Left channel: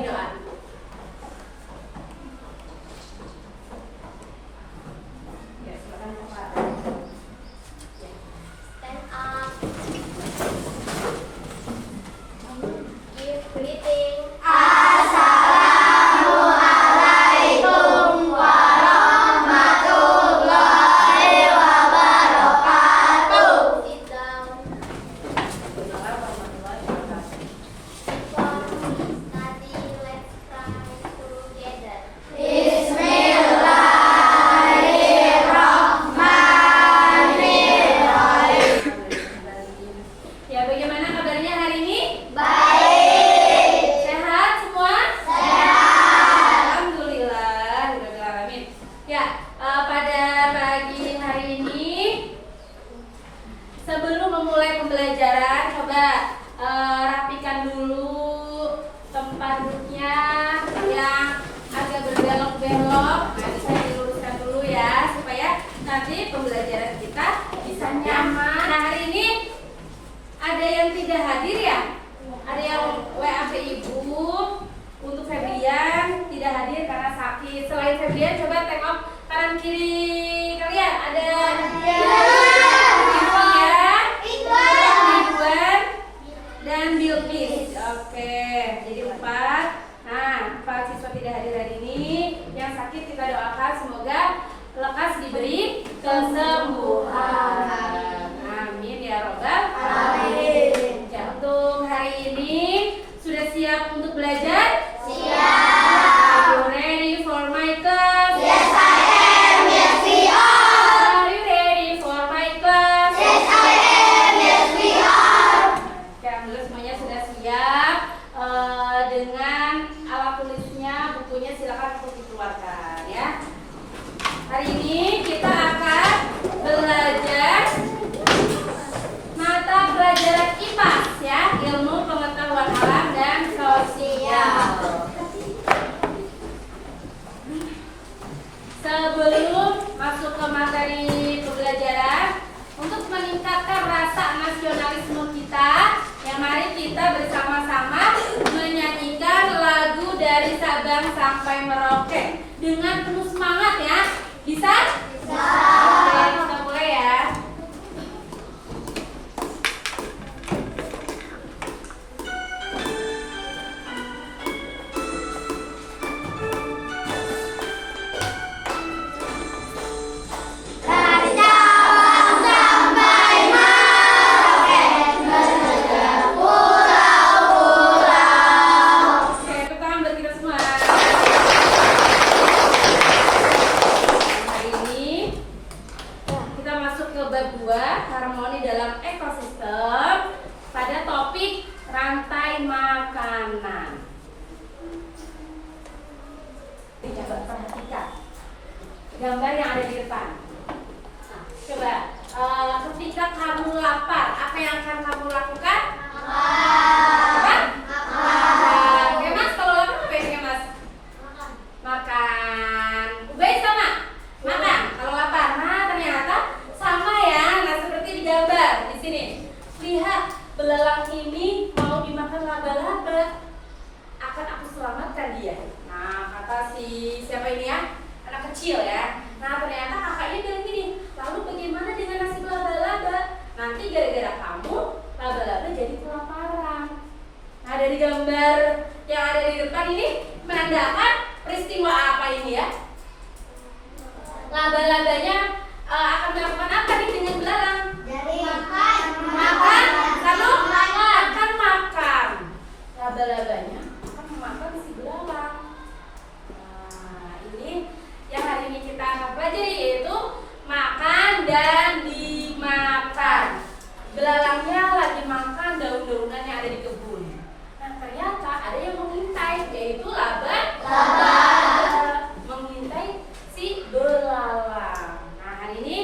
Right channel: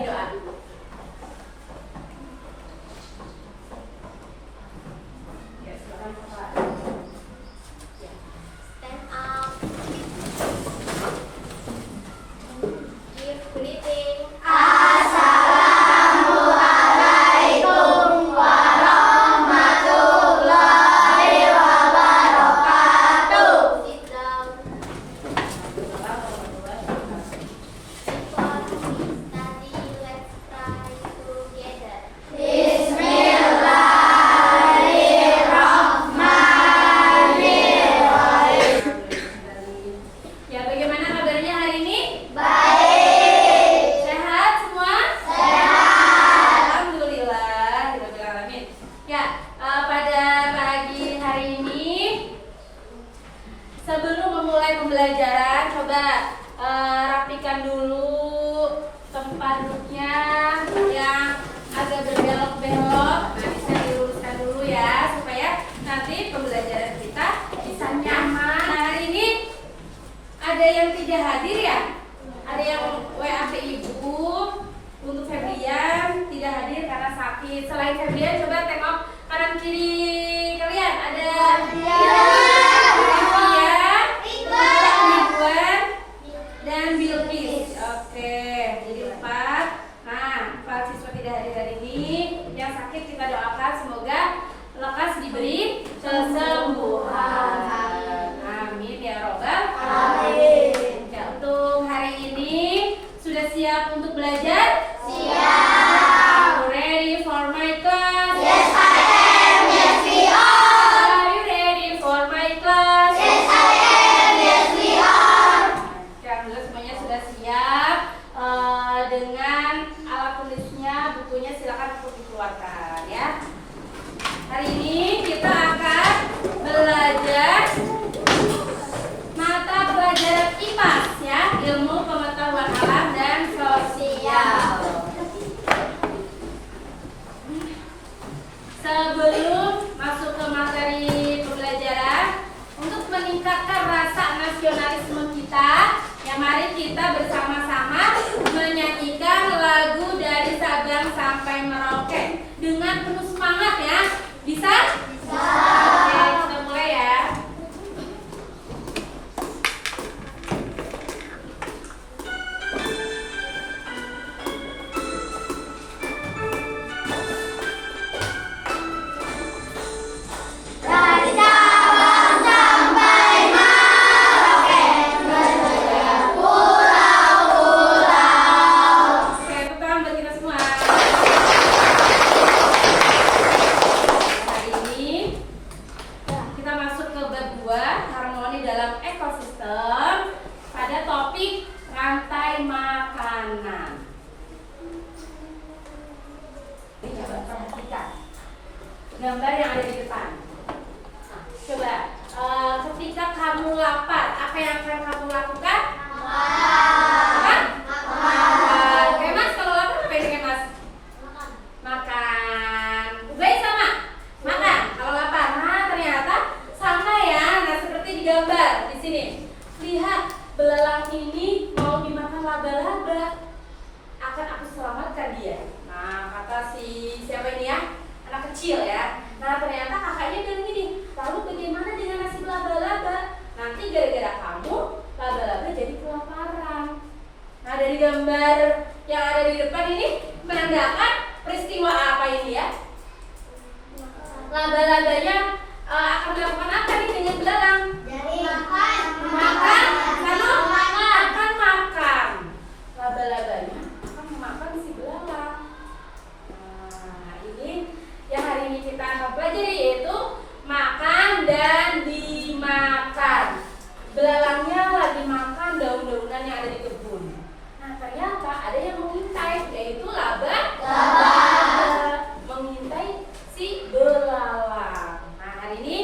bimbing doa. Ya, silakan Pak. Stand up. Give greeting. Assalamualaikum warahmatullahi wabarakatuh. Sit down. Before we study, let's pray together. Ya, bagaimana kabarnya hari ini? Baik. Sehat semua? Sehat. Alhamdulillah, alamin. Ya, pada pagi hari ini sebelum memulai pembelajaran, coba rapikan dulu tempat duduknya yang agak berbelok-belok. Nah, bisa diluruskan dulu ya supaya nanti pembelajaran kita bisa nyaman. Nah, hari ini ada yang tidak hadir ya? Ada yang WA ke ibu. Untuk Febrian tidak hadir karena sakit. Selain Febrian, coba tengok kanan kiri kalian. Ada Ridwan dan Bilqis. Oke, jadi 4. Nah, 4 siswa tidak hadir hari ini. Yang sakit kita doakan semoga lekas diberi kesembuhan. Amin ya robbal alamin. Ya, untuk hari ini sudah siap untuk belajar? Siap. Are you ready for my class? Yes, I am. Yes, we are. Are you ready for my class? Yes, I am. Yes, we are. Oke, alhamdulillah semuanya sudah siap. Dengan alat tulisnya, bukunya silakan untuk dikeluarkan ya. Hari ini kita akan belajar mata pelajaran IPA ya, ilmu pengetahuan alam dan sosial. Sebelum masuk ke materi pembelajaran, untuk meningkatkan rasa nasionalisme kita, ya mari kita bersama-sama menyanyikan lagu dari Sabang sampai Merauke dengan penuh semangat ya. Bisa? Bisa. Oke, kita mulai ya. Dari Sabang sampai Merauke, menjejak pulau-pulau. Oke, tepuk tangan buat kita semua. Hari ini kita masuk ke bab 2, harmoni dalam ekosistem, pada topik rantai makanan. Ini coba perhatikan gambar yang ada di depan. Nah, coba ketika kamu lapar, apa yang akan kamu lakukan? Apa? Makan. Oke mas, kalau lapar apa yang mas? Makan. Ubay sama? Makan. Kalau lapar, nah ternyata sama ya. Nah seperti di gambar di sini. Lihat, belalang ini mau dimakan laba-laba. Akan aku selamatkan dia. Nah kata siapa ini ya? Anak kecil ya. Nah ternyata kakaknya bilang gini, lalu bagaimana dengan nasib laba-laba? Nanti gara-gara kamu, laba-laba jadi kelaparan. Nah dari gambar yang ada di depan ini menandakan peristiwa apa ini ya? Laba-labanya akan melakukan apa nih dengan belalang? Makan, lalu akan makan. Laba-labanya akan memakan si belalang. Nah ini yang hari ini kita akan pelajari, yaitu makan dan dimakan. Belalangnya lagi makan daun-daunan yang ada di kebun. Nah ternyata ada yang mengintai, yaitu laba mengintai si belalang. Nah hari ini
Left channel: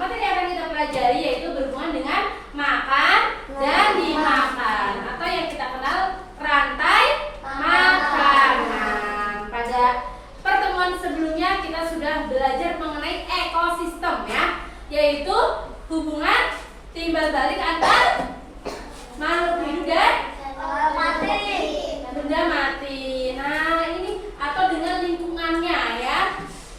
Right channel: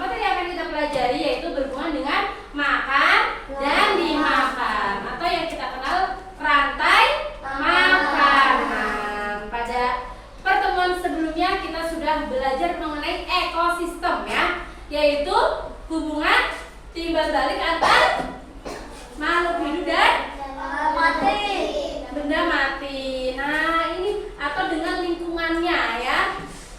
materi yang akan kita pelajari yaitu berhubungan dengan makan dan dimakan, atau yang kita kenal rantai mengamati. Nah, ini atau dengan lingkungannya ya.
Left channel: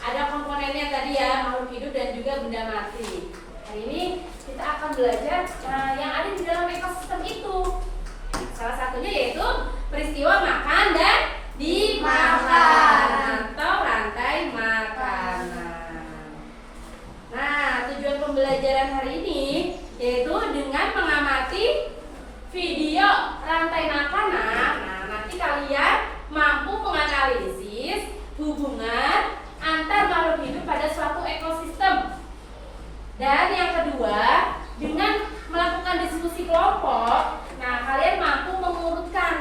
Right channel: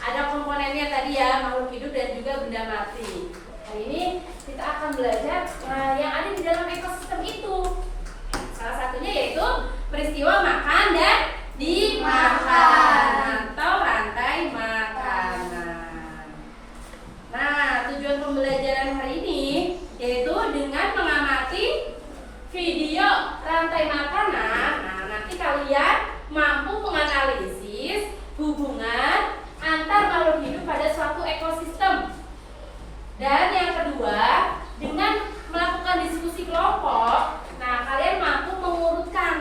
Ada komponennya tadi ya, makhluk hidup dan juga benda mati. Nah, ini kita akan belajar yang ada di dalam ekosistem itu. Salah satunya yaitu peristiwa makan dan dimakan atau rantai makanan. Nah, tujuan pembelajaran hari ini yaitu dengan mengamati video rantai makanan. Nah, nanti kalian mampu menganalisis hubungan antar makhluk hidup pada suatu ekosistem. Dan yang kedua, dengan melakukan diskusi kelompok, nah kalian mampu mengurutkan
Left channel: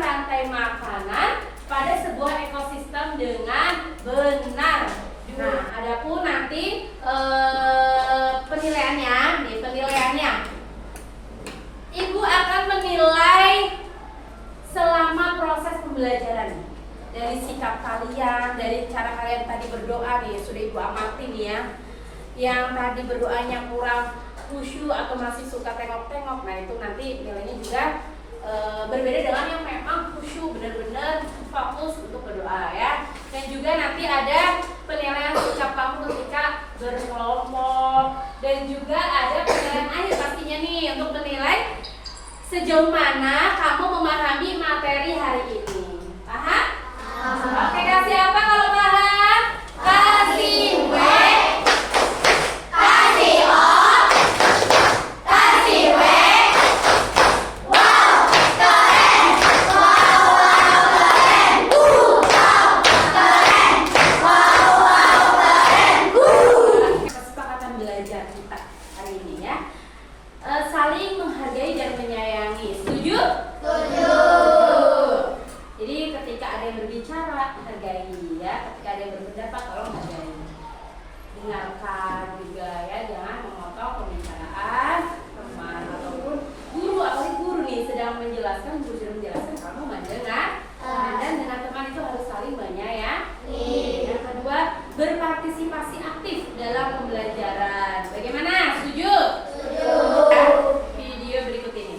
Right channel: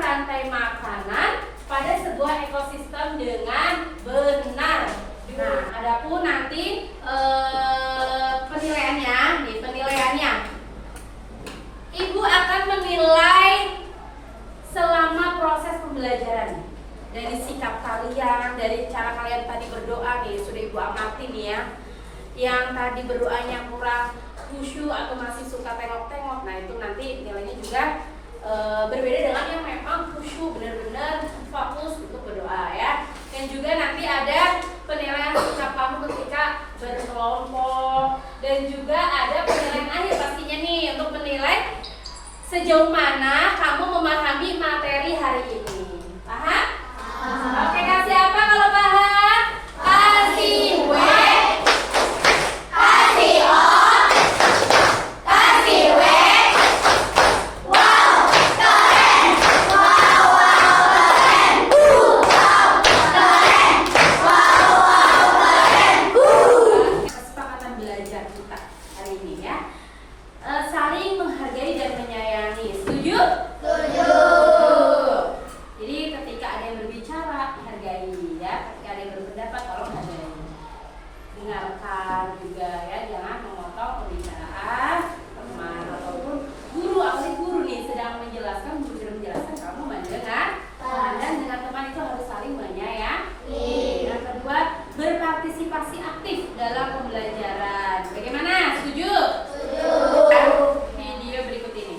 rantai makanan pada sebuah ekosistem dengan benar. Nah, adapun nanti penilaiannya, Ibu akan menilai selama proses pembelajaran dari sikap kalian, dari cara kalian tadi berdoa nih, sudah Ibu amati nih ya. Yang tadi berdoanya kurang khusyuk atau masih suka tengok-tengok, nah itu nanti nilainya juga berbeda dengan yang memang khusyuk, benar-benar fokus untuk berdoa ya. Dan juga nanti ada penilaian sikap kamu ketika berkelompok, dan juga ada penilaian akhir pastinya nih untuk menilai sejauh mana kamu memahami materi hari ini. Paham? Oke, kasih apa kalau paham? Kasih W, kasih O, kasih W. Wow, keren. Wow, keren. Wow, keren. Wow, keren. Kesepakatan belajar kita hari ini ya. Saling menghargai dan menyayangi. Setuju? Setuju. Jadi ketika ada yang berbicara, hargai ya. Ketika ada yang berpendapat, tolong hargai. Dengarkan juga ya, jangan memotong pembicaraan teman ataupun guru. Apalagi guru nih sedang menjelaskan, guru sedang menjelaskan, kamu mendengar. Dan dengan teman itu harus saling menyayangi. Yang kedua, berpartisipasi aktif dalam pembelajaran. Bagaimana? Setuju? Setuju. Video berikut ini.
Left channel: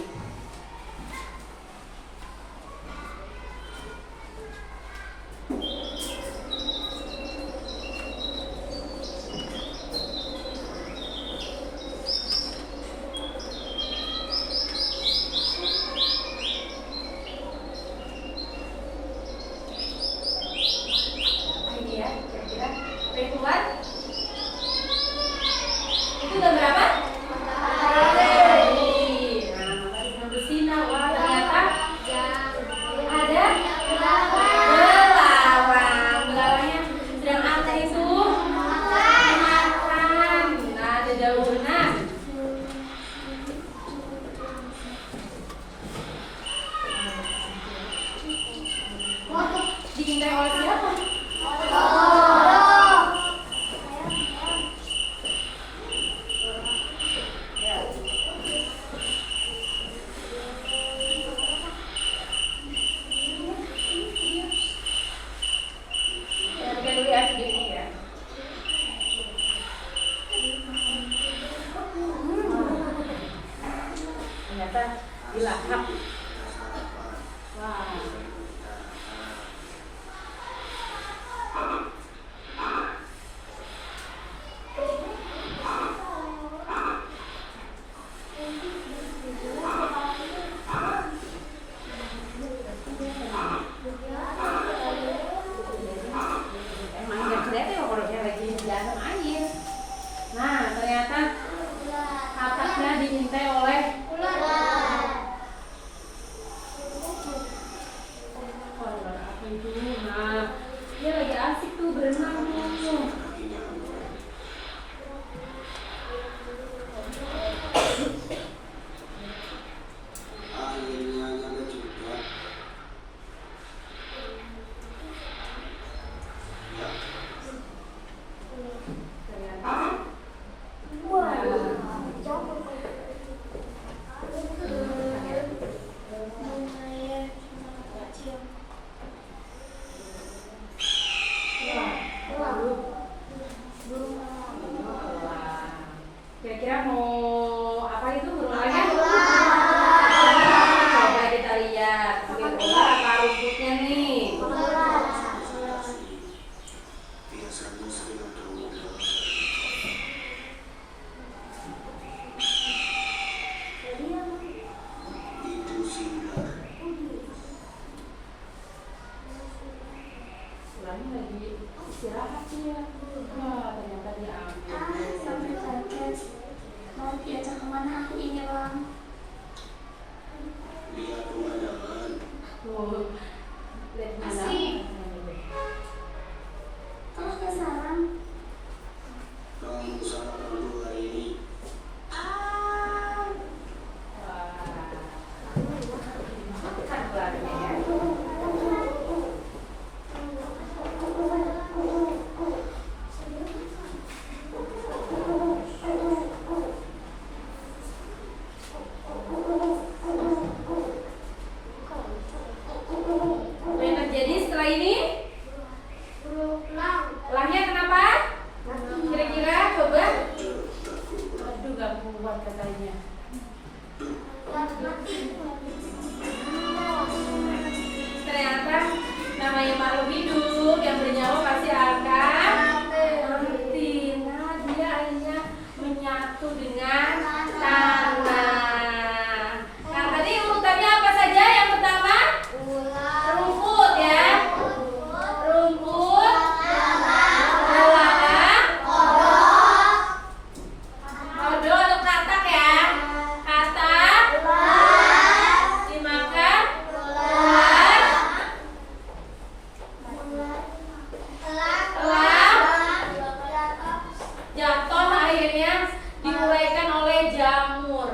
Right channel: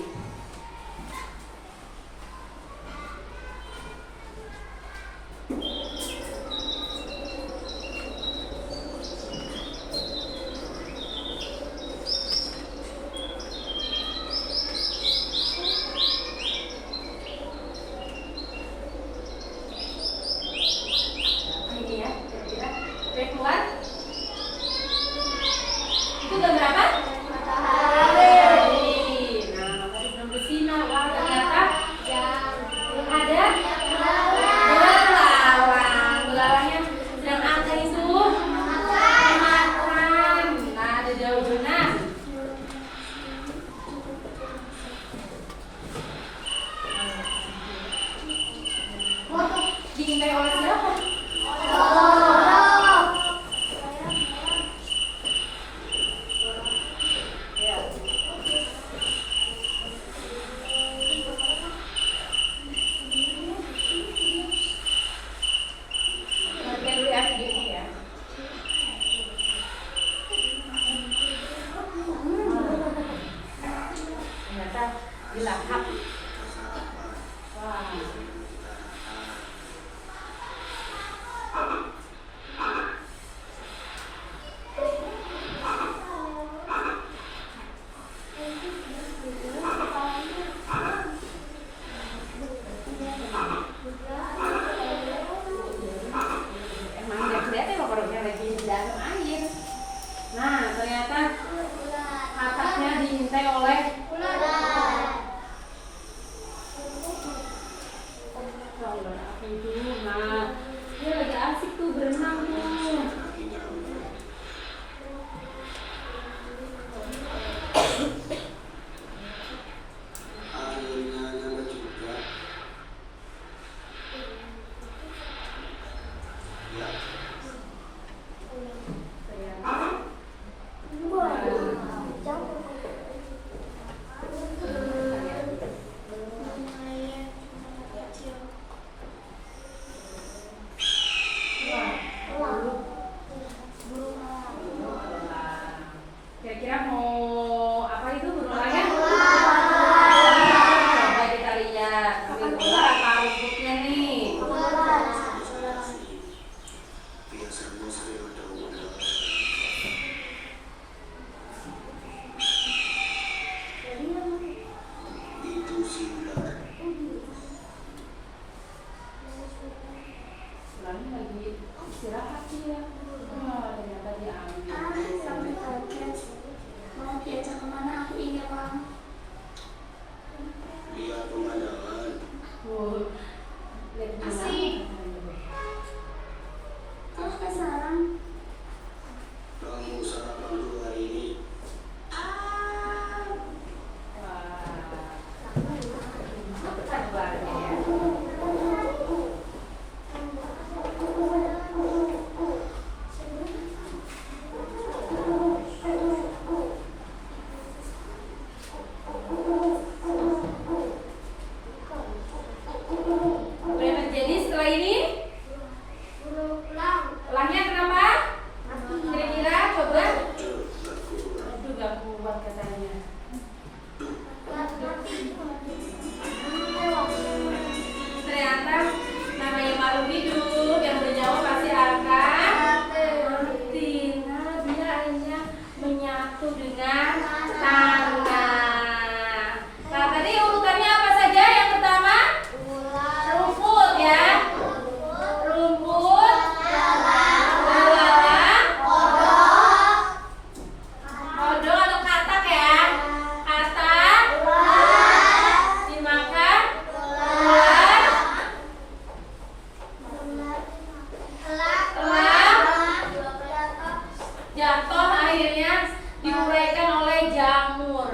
Ini ya, kira-kira udah keluar? Itu gambar apa? Matahari. Nah, matahari sedang bersinar. Wah, ternyata ada belalang. Belalangnya sedang apa itu? Makan. Nah, ada daunan. Wah, diintai oleh siapa? Ternyata dilahap. Wah. Emang nggak kelihatan ya kalau dia lagi di dalam air. Nah, ternyata atasnya diintai oleh ular. Oh, ular apa itu? Nah, dia lagi asik tuh berenang tuh. rumputnya nih. Biasanya saya udah mulai. Itu sinar. Silahnya lagi istirahat dia. Wah, ternyata dia Sampai ambil. podcast. Mau diajak kemana aku ini, Bang? Lihat pemandangan. Wow, lihat mana? Asik. Terus ke sarang. Kamu sarapan dulu hari ini. Ah. Kan keluarnya ya. Apa yang terjadi setelah ini? Lahnya kenapa? Kira-kira coba. Aduh, gak kuat katanya. Ternyata namanya makhluk hidup yang bernyawa pasti akan mati. Nah, dia akhirnya menyatu dengan tanah. Nah, tadi urutannya apa saja? Yang pertama, rumput ya. Rumput, belalang, odol atau katak ya. Katak dimakan, ular, jatuh akhirnya diuraikan oleh jamur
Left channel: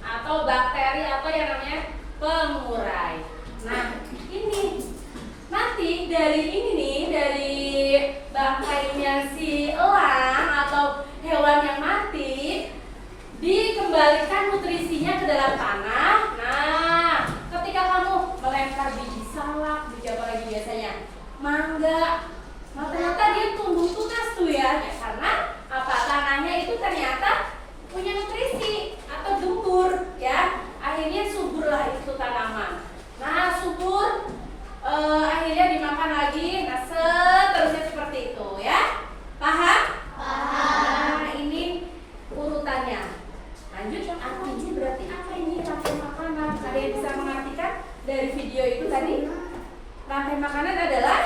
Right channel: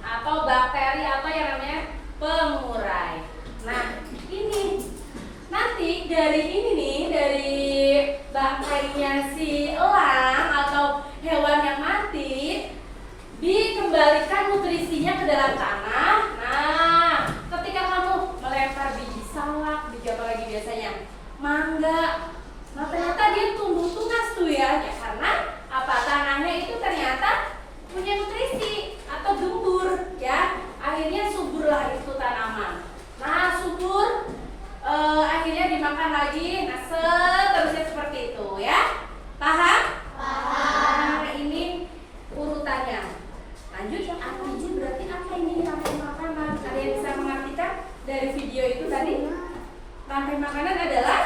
atau bakteri apa yang namanya pengurai. Nah, ini nanti dari ini nih, dari bangkainya si elang atau hewan yang mati dikembalikan nutrisinya ke dalam tanah. Nah, ketika kamu melempar biji salak, biji apa lagi biasanya? Mangga. Nah, ternyata dia tumbuh tunas tuh ya, karena apa? Tanahnya itu ternyata punya nutrisi atau gembur ya. Akhirnya suburlah itu tanaman. Nah, subur akhirnya dimakan lagi. Nah, seterusnya seperti itu ya. Paham? Nah, ini urutannya. Lanjut, artinya berarti apa ini rantai makanan? Ada yang bisa mengartikan dari video itu tadi? Rantai makanan adalah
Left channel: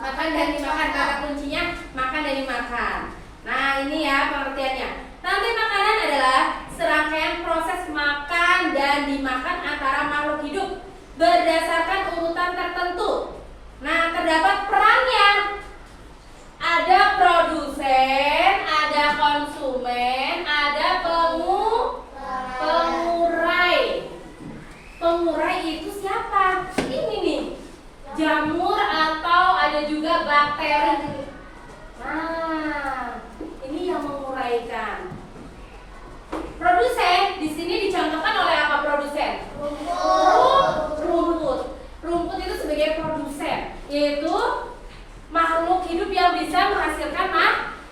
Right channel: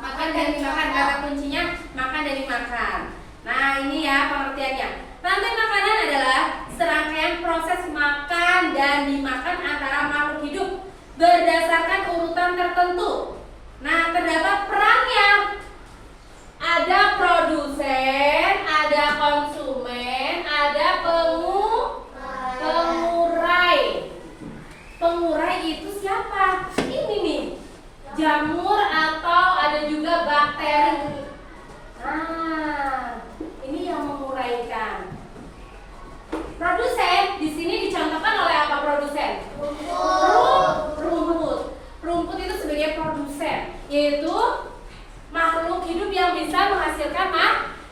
makan dan dimakan. Kata kuncinya makan dan dimakan. Nah, ini ya pengertiannya. Rantai makanan adalah serangkaian proses makan dan dimakan antara makhluk hidup berdasarkan urutan tertentu. Nah, terdapat perannya. Ada produsen, ada konsumen, ada pengurai. Pengurai itu siapa? Ini nih, jamur atau ada juga bakteri. Nah, ini yang menguraikan. Produsen di sini dicontohkan oleh apa produsen? Rumput. Rumput itu sebagai produsen, yaitu makhluk hidup yang bisa menghasilkan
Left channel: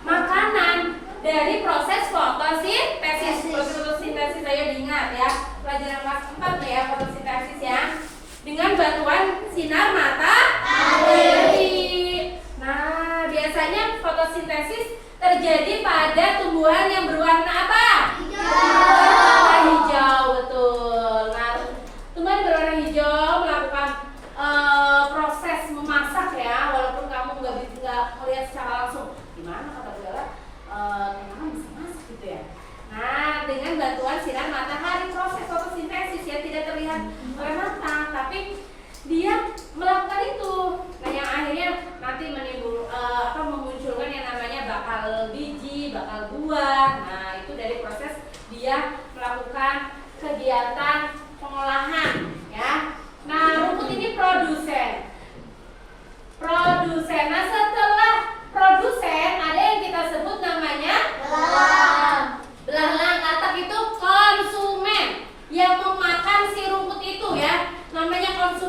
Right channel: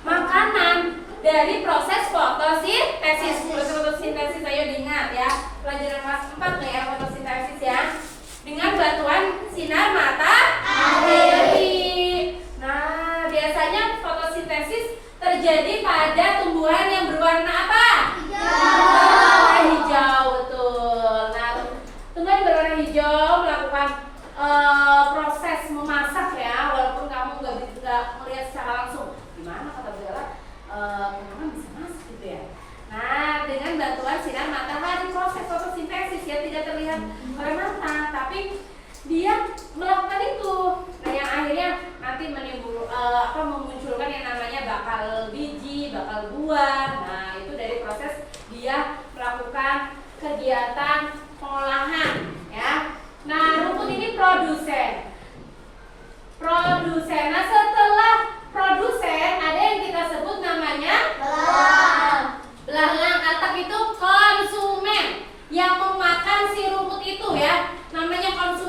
makanan dari proses fotosintesis. Proses fotosintesis ayo diingat ya, pelajaran kelas 4 ya, fotosintesis ya. Dengan bantuan sinar matahari. Nah, biasanya fotosintesis terjadi pada tumbuhan yang berwarna apa? Warna hijau, betul. Nah, tumbuhan berwarna hijau melakukan proses memasak ya, walaupun kamu nggak melihat secara langsung. Gimana kata Bu Ella? Tanaman bisa masak gitu ya. Nah, dengan bantuan sinar matahari, proses fotosintesis ya tidak terlihat oleh mata, tapi dia melakukan itu. Nah, yang akhirnya nanti memunculkan yang namanya bakal biji, bakal buah. Nah, itu dari proses dia melakukan kegiatan pengolahan ya. Nah, rumput ini produsen. Nah, setelah produsen ada yang kita sebut namanya belalang. Katak itu konsumen yang memakan si rumput itu ya. Namanya konsumen.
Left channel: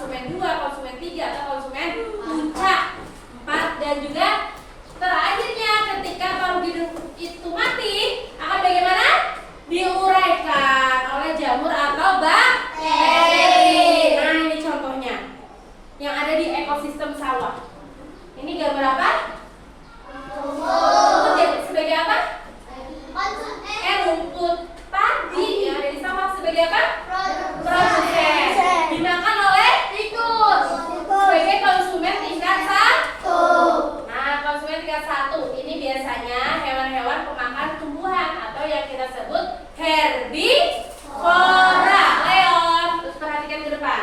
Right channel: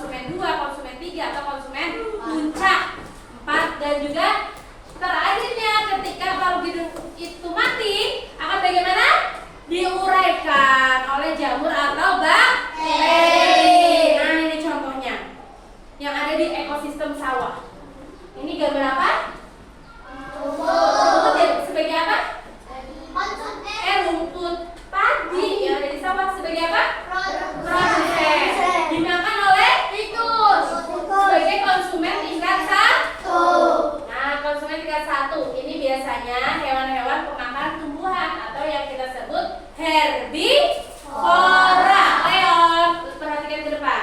konsumen 2, konsumen 3, atau konsumen puncak 4. Dan juga terakhirnya ketika paru hidung itu mati akan bagaimana? Diuraikan oleh jamur atau bakteri. Nah, ini contohnya yang ada di ekosistem sawah. Ini gambar apa? Rumput ya, sebagai apa? Rumput padi yang ada di sawah sebagai apa? Produsen. Dimakan oleh tikus sebagai konsumen tingkat 1. Nah, konsumen tingkat 1 ini biasanya hewan-hewan pemakan tumbuhan atau yang kita sebut herbivora. Leon, terus perhatikan ke depan.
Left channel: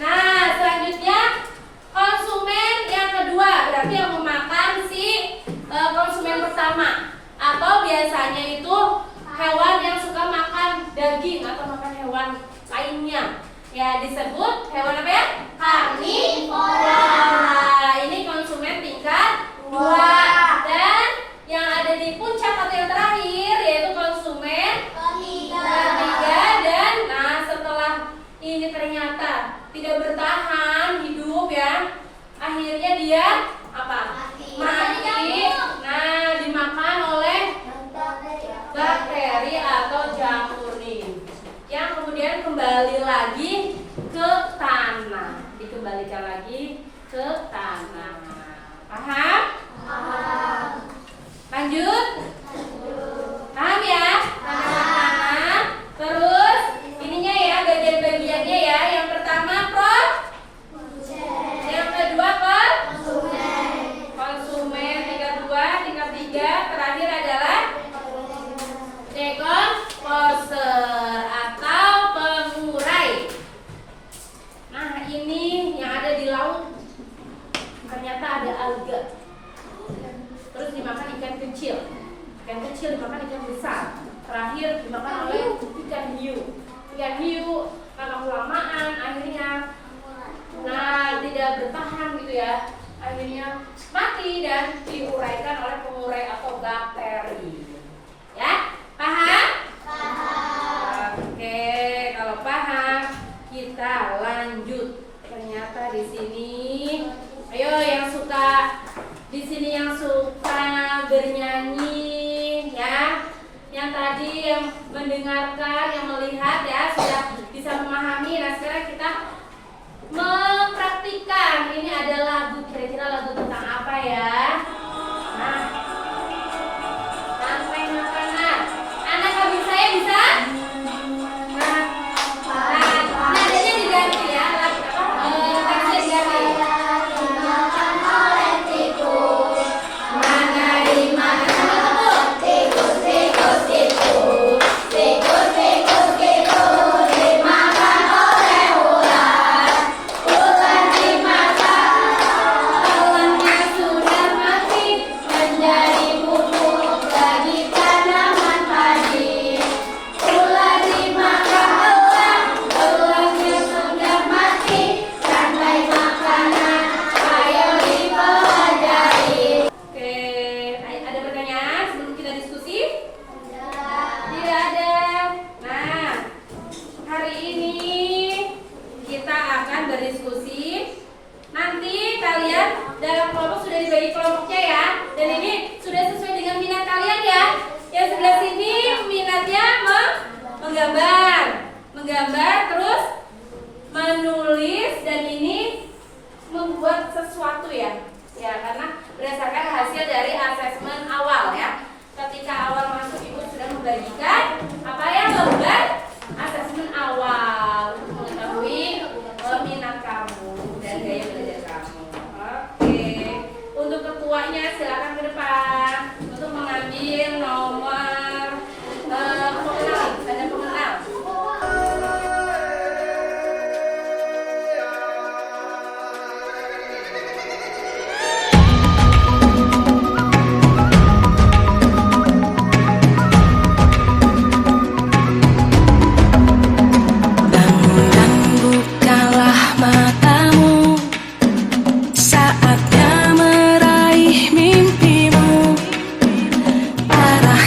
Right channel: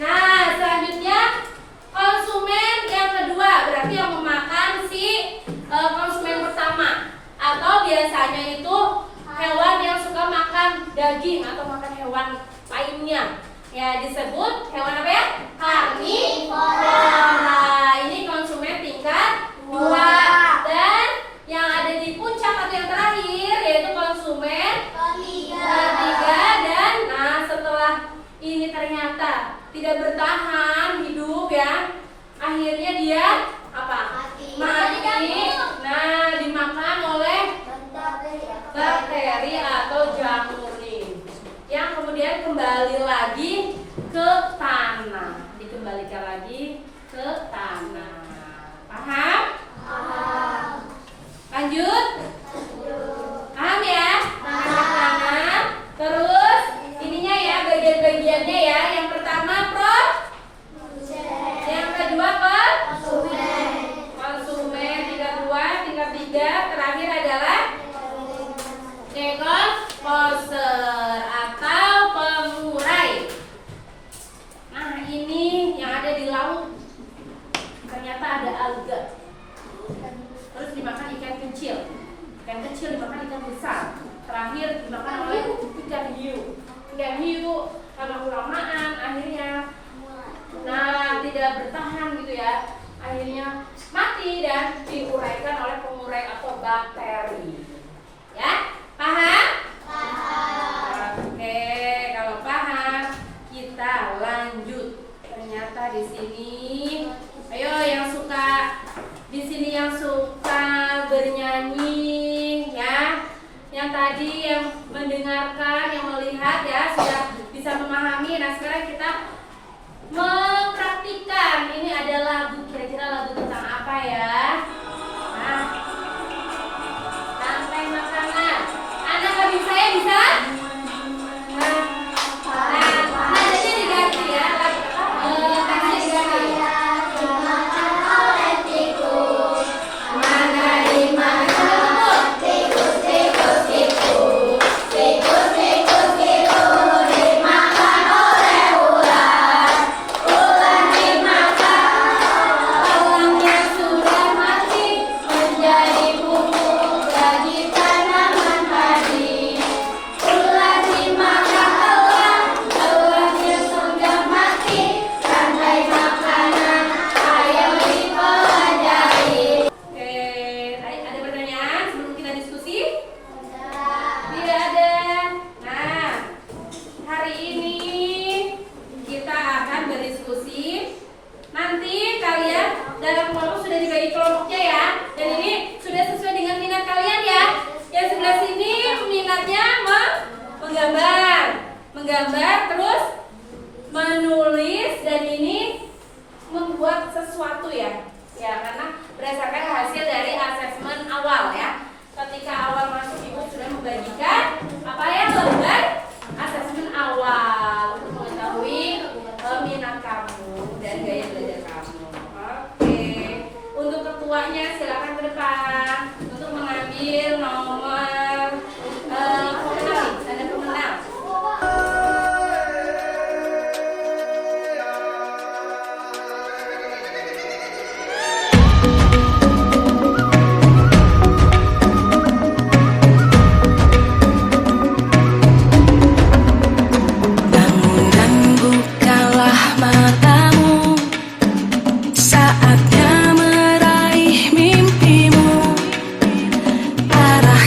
Nah, selanjutnya konsumen yang kedua, berarti yang memakan si konsumen pertama, atau biasanya itu hewan yang suka makan daging atau makan hewan lainnya. Ya, disebut hewan apa ya? Karnivora. Ini konsumen tingkat 2. Dan yang ada di puncak atau yang terakhir yaitu konsumen ketiga. Dan nah, setelah ini ternyata tidak bertahan hidup ya, akhirnya dia apa? Mati. Nah, dimakan oleh bakteri atau jamur nih, yang kemudian kembali lagi ke tanah, dikembalikan lagi ke tanah. Paham? Lanjut? Paham ya? Paham. Terus ininya ya, bagian-bagiannya ya. Yang pertama yang kedua konsumen, tingkat 2, tingkat 3, terakhir adalah decomposer atau pengurai. Nah, ini yang ada di laut ternyata ada alga. Terus dimakan ikan kecil. Ikan kecil dimakan ikan besar. Terakhir dimakan oleh ikan hiu. Ikan hiu karena kelamaan akhirnya tidak bertahan gitu ya. Akhirnya mati dan diuraikan oleh pengurai atau bakteri. Ya, paham? Oke, kalau paham kita lanjut. Ternyata di sini, ayo yang suka di sini yang suka bernyanyi ya, yang tadi yang mendengarkan, yang melihat ya sudah bisa memahami. Nah, sekarang kita mempraktikkan. Ini ada lagu, kira-kira lagu tentang apa ya? Nah, rantai makanan. Anak kambing saya bisa? Nadanya diganti ya. Kasih diganti. Mana di mana? Tikus, tikus, tikus. Tikus, tikus, tikus. Dimakan oleh ular. Ular dimakan. Ularnya sudah mati. Menjadi pupuk bagi tanaman padi. Ular dimakan ular. Ularnya sudah mati. Rantai makanan. Ayo dipelajari. Oke, ada pertanyaan sebelum kita diskusi? Tidak ada. Nah, hari ini kita akan berdiskusi. Nanti kalian dalam kelompok sudah dibagi kelompoknya ya. Dan ini sudah sesuai dengan minat kalian ya. Yang sebelah sini minatnya menggambar terus menulis, dan ini membuat sesuatu ya. Ya, karena berdasarkan hasil dari asesmen awal ya. Ketika awal masuk ibu sudah membagikan apa ya, lembar asesmen awal untuk mengetahui minat kamu dan gaya belajar kamu. Oke, untuk ketuanya silakan ke depan untuk mengambil nomor pemenang, tanda pemenang. Bangun dan bukalah matamu, saatnya meraih mimpimu. Arah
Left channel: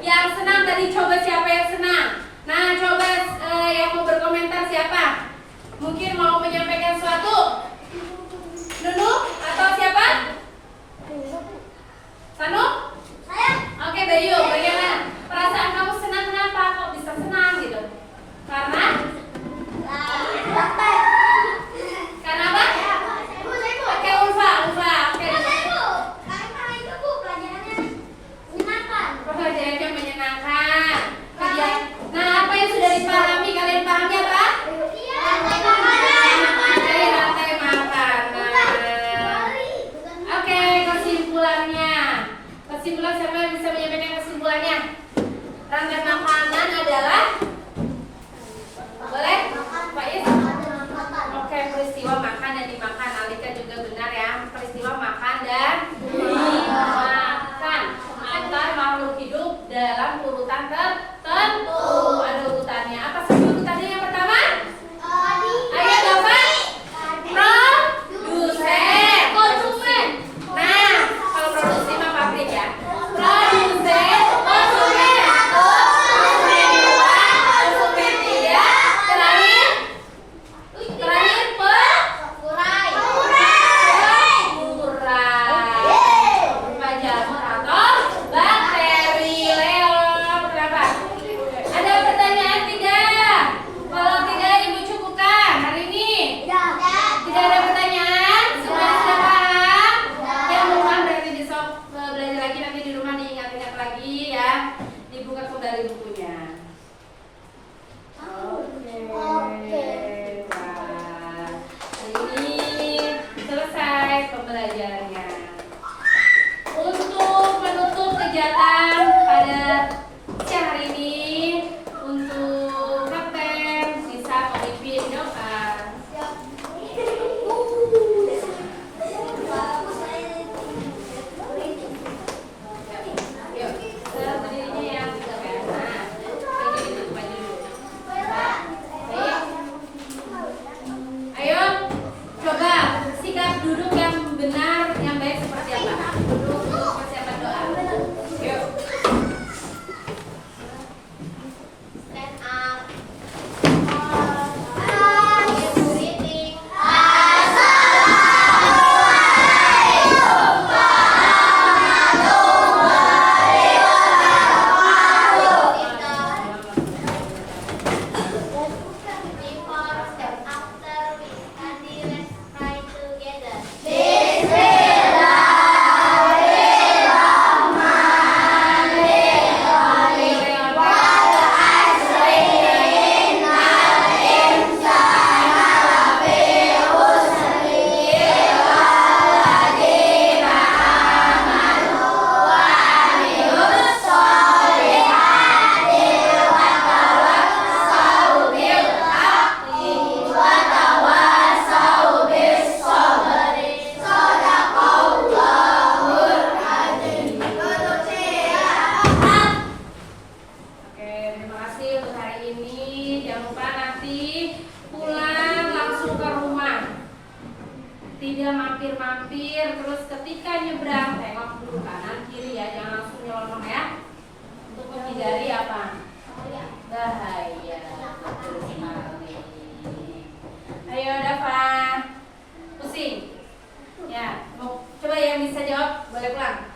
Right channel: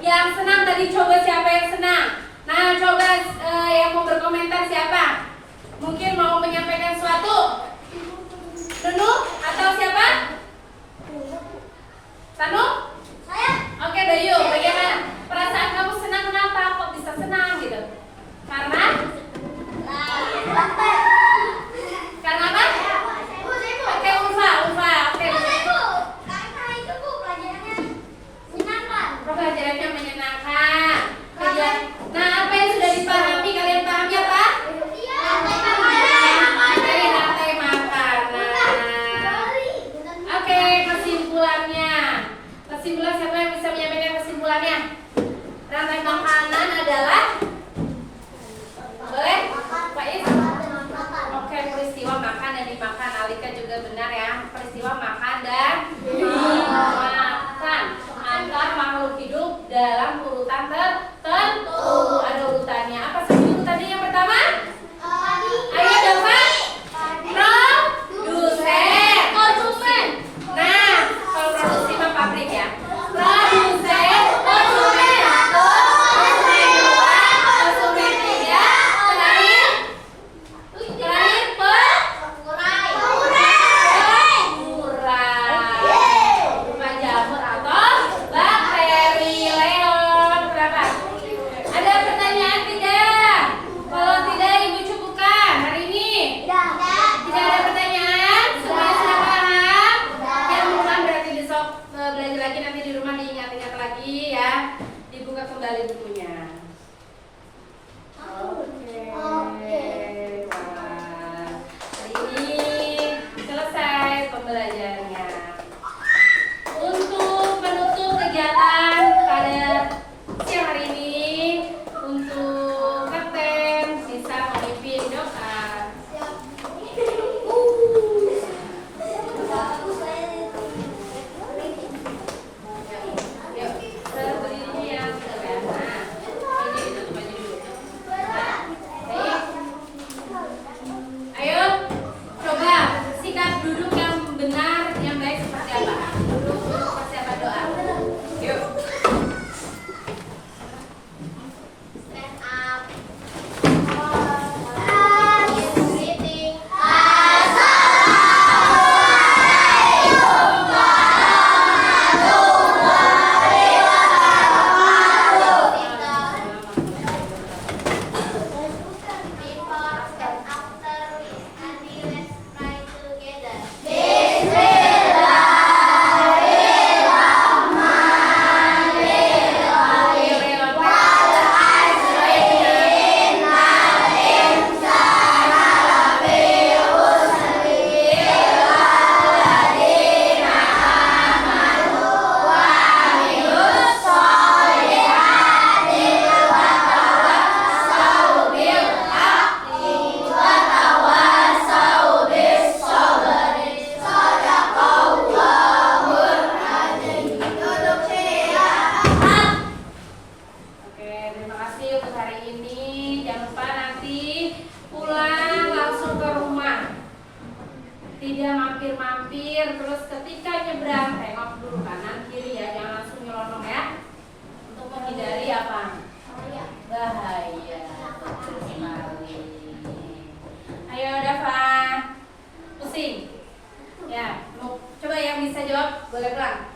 Yang senang tadi coba siapa yang senang? Nah, coba yang mau berkomentar siapa? Mungkin mau menyampaikan sesuatu? Nunu atau siapa? Tanu? Saya. Oke, Bayu, bagaimana? Perasaan kamu senang kenapa? Kok bisa senang gitu? Karena? Karena apa? Oke, Ulfa. Oke. Pelajarannya menyenangkan. Nah, apa yang sudah dipahami? Kalian pahami apa? Materi rantai makanan. Oke, kesimpulannya. Kesimpulan siapa yang bisa menyampaikan kesimpulannya? Rantai makanan adalah boleh? Pak Is? Oke, peristiwa makan dan dimakan. Alika juga benar ya. Peristiwa makan dan dimakan antar makhluk hidup dalam urutan tertentu. Ada urutannya. Apa saja urutannya? Yang pertama? Ayo Dova. Produsen. Konsumen. Nah, kalau produksi mah pabrik ya. Produsen, konsumen. Konsumen dua, konsumen tiga. Terakhir pengurai. Berupa jamur atau bakteri. Leon, berapa? Ada pertanyaan tidak? Kalau tidak, Ibu cukupkan hari ini. Tidak ada pertanyaan? Sudah paham? Yang rumah berarti besok belajar lagi, nanti di rumah diingat-ingat lagi ya. Dibuka kembali bukunya. Oke. Wah. Hari ini selesai pembelajarannya. Untuk menutup kegiatan pada siang hari ini, untuk Kapten bisa memimpin doa. Yuk, berdiri yang sederhana. Ini ditutup aja dulu. Baik. Ayo, coba sikap duduk yang benar, yang baik seperti apa? Duduk untuk persiapan doa. Yuk. Stand up. Greeting. Before and after and let's pray together. Oke, terima kasih untuk hari ini. Jangan lupa nanti pulang langsung ke rumah. Tidak mampir-mampir, terus ketika nyebrang tengok dulu kanan kiri ya, jangan langsung nyelonong ya. Untuk menghindari apa? Bahaya. Betul sekali. Ayo Dava. Pusing. Ya, coba yang bisa jawab boleh pulang.